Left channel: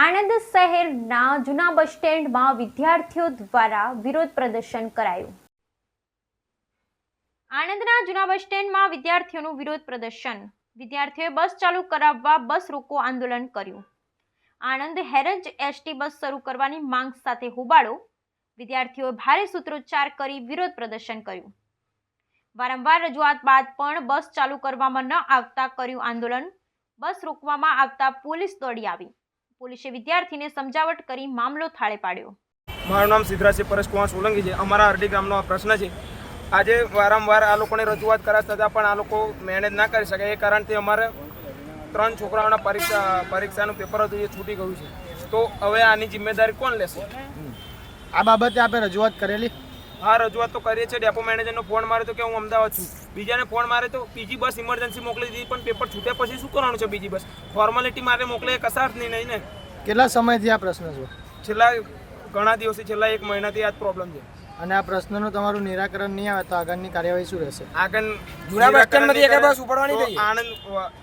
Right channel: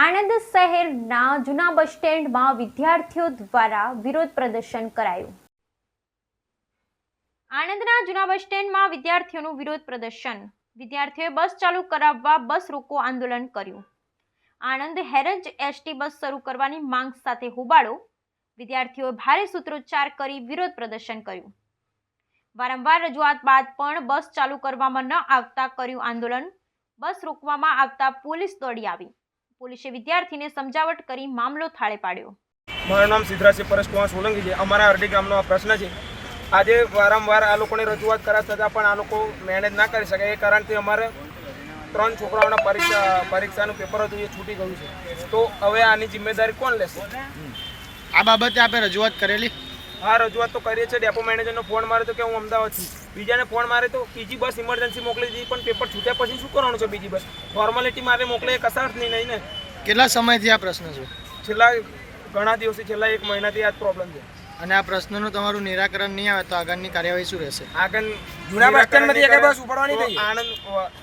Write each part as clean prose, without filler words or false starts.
આણંદ શહેરના જૂના બસ સ્ટેન્ડમાં વિદ્યાર્થીઓ દ્વારા વિરોધ પ્રદર્શન કરાયું। આણંદના જૂના બસ સ્ટેન્ડમાં વિદ્યાર્થીઓનું વિરોધ પ્રદર્શન। વિદ્યાર્થીઓએ બસ ચાલુ કરાવવા બસ રોકો આંદોલન કર્યું। આણંદ હેરંજ એસટી બસ શરૂ કરવાની માંગ સાથે હોબાળો। વિદ્યાર્થીઓએ ભારે સૂત્રોચ્ચાર કરી વિરોધ પ્રદર્શન કર્યું। વારંવાર રજૂઆત બાદ પણ બસ ચાલુ કરવામાં ન આવતા કર્યું આંદોલન। બસ રોકવામાં આવતા પોલીસ દોડી આવી। પોલીસે વિદ્યાર્થીને સમજાવટ કરી મામલો થાળે પાડ્યો। મારું નામ સિદ્ધરાજ પરેશ કુમાર સોલંકી છે। અમારા અરડી ગામનો આ પ્રશ્ન છે। આજે વારંવાર આ લોકોને રજૂઆત કર્યા છતાં પણ આ લોકો મેનેજ ના કરી શકે, એ કારણથી અમારે 3 છોકરાઓના પરીક્ષાનું પેપર હતું, એ છૂટી ગયું છે। તો હવે આની જિમ્મેદારી કોણ લેશે? આ બાબતે આપણે રજૂઆત કરેલી? હા, રજૂઆત તો કરીએ છીએ। ડેપો મેનેજરનો ફોન માર્યો તો કે હું અમદાવાદ છું, બીજાને ફોન મારે તો બીજી બસ ઇમરજન્સી મોકલી દીધી, પણ પેપર છૂટ્યા પછી શું કરવાનું છે? બીજી બસ ફોર્માલિટી માટે મોકલે, એ કશા અર્થની નહીં ને। કેટલા સમયથી આ પ્રશ્ન છે? છેલ્લા ઘણા દિવસથી, છેલ્લા 1 મહિનાથી આ જ પ્રોબ્લેમ છે। અને આ પ્રશ્નનું તમારું નિરાકરણ નહીં આવે તો આગળની કાર્યવાહી શું રહેશે? આગળ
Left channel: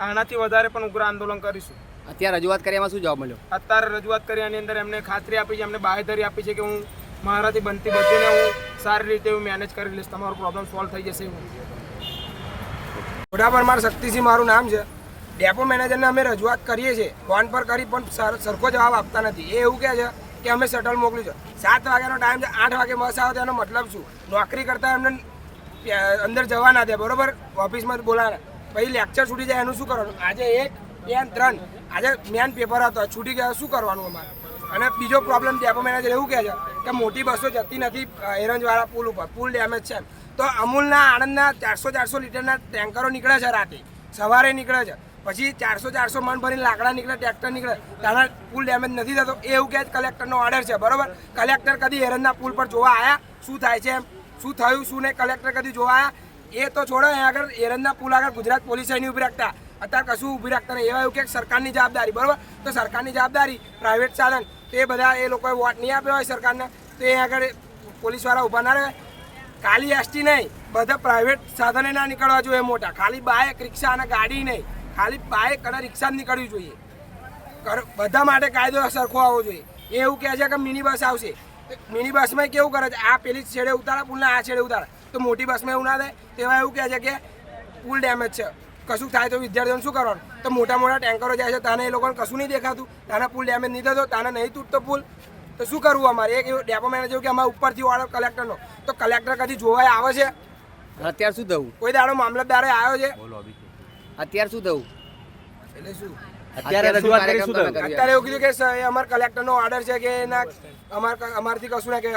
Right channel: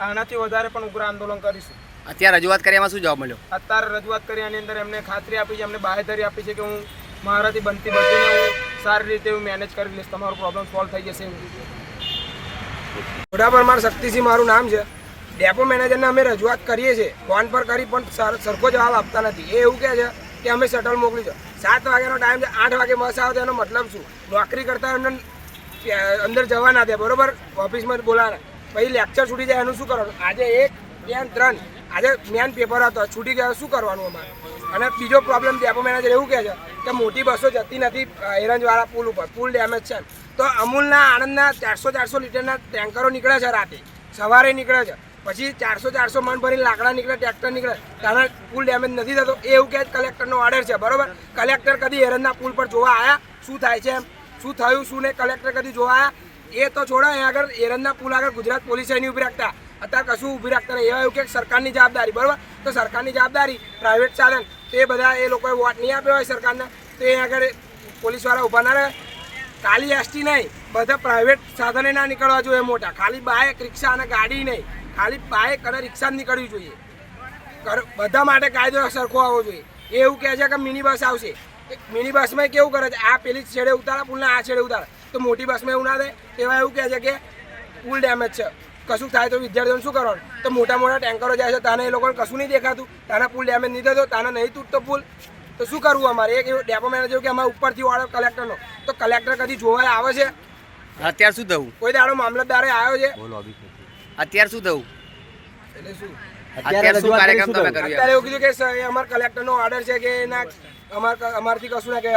આનાથી વધારે પણ ઉગ્ર આંદોલન કરીશું। અત્યારે રજૂઆત કરી એમાં શું જવાબ મળ્યો? અત્યારે રજૂઆત કરી આની અંદર એમને ખાતરી આપી છે, એમને બાહેધરી આપી છે કે હું મારાથી બનતી બધીને હું સારી રીતે હું મેનેજ કરી લઈશ, તમારો પ્રોબ્લેમ સોલ્વ થઈ જશે। મોઢાપરમાર શક્તિસિંહ મારું નામ છે। ડેપો મેનેજરને અમે રજૂઆત કરીએ છીએ, ફોન પર કરી પણ સરખો જવાબ આપતા નથી। એ એવું કહે છે કે અમે શટલ મોકલી છે, 7 વાગ્યાનો ટાઈમ છે, 8 વાગે બસ આવે તો એનો મતલબ શું? નોકરી કરતા એમને અંદર જવા ના દે, બરોબર? ઓફિસમાં બોલાવે, પછી લેક્ચર છૂટી જાય, એનું શું કરવાનું? આજે 1, 2, 3 આજે મેન પેપર હતો, છૂટી ગયા, શું કરવાનું અમારે? અને બીજો પ્રોબ્લેમ ડેપો મેનેજર એવું કહે છે કે મોટી બસો જતી નથી એરંજવાળા પુલ ઉપર, પુલ ડેમેજ છે। તો અમૂલના આણંદના 400 લીટરના ટેન્કરો નીકળે છે, રાતે સવારે નીકળે છે, પછી 400 મણ ભરીને લાકડા નીકળે, ટ્રેક્ટર નીકળે, ત્યારે પુલ ડેમેજ નથી થતો, એ એવું કહે કલેક્ટરનો ઓર્ડર છે, બરોબર? કલેક્ટર કદી એરંજના પુલ પર જોવા આવ્યા? શું થાય છે, એમ શું થયું શું નહીં, કલેક્ટર કદી જોવા આવ્યા? એ તો છોડો, અહીં આગળ એરંજના પુલ આગળ ગુજરાત પોલીસ નહીં ઊભી રાખતા, અત્યારે કશું ઊભી રાખતા નહીં। એવા એવું કે સરકારની જવાબદારી, બરોબર? તો સરકારની જવાબદારી પ્રાઇવેટ સાધન, તો એ બધા એ લોકોએ વોટ નહીં આપ્યો હોય સરકારને, તો એ આગળ પોલીસવાળા ઊભા ના રહે? ખાલી એસટી નહીં, બધા પ્રાઇવેટ સાધને ના નીકળવા જોઈએ મોટા, ખાલી બાઇક, રિક્ષા અને ગાડી નહીં, ખાલી બાઇક અને રિક્ષા જ નીકળવી જોઈએ। બધા માટે કાયદો સરખો આવવો જોઈએ। એ એવું કહે છે કે મિની બસ આવશે, મિની બસમાં કેવું કરે છે, આ પેલી છેડે ઉતારે પુલના, આ છેડે ઉતારે, તો મોટી બસમાં એવું ના થાય। તેવા એવું કહે છે કે પુલ ડેમેજ છે, કશું થાય તો વિદ્યાર્થીઓને શું કરવાનું? તો મોટા ટેન્કરો જાય છે, તાને એ લોકોને કશું નહીં દેખાતું, તાના પુલ ડેમેજ નહીં થતો, તાને નહીં તૂટતો પુલ, તો શું કરવું અમારે? એક ડેપો મેનેજર કે અમારે ઉપરથી ઓર્ડર કલેક્ટરનો, તો કલેક્ટર કદી જોવાય આવે છે? અત્યારે શું થયું? કોઈ દાડો મામલતદારે આવ્યો છે? અત્યારે શું થયું? એટલે શું અત્યારે શું કાર્યક્રમ તમે કર્યો? અત્યારે એવું કીધું કે અમારા કલેક્ટરનો ઓર્ડર છે કે ના, અમારથી કશું ના, કે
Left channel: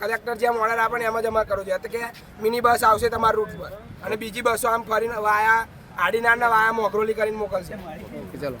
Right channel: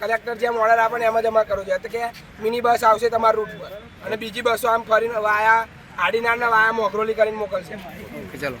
કલેક્ટર જેમ ઓર્ડર આપે ને એમ જ અમારે કરવું જોઈએ। તો કે મિની બસ આવશે તમારા રૂટ પર, અને બીજી બસો આમ ફરીને વાયા આડીનારના વાયા મોગરોલી કરીને મોકલશે। ચલો।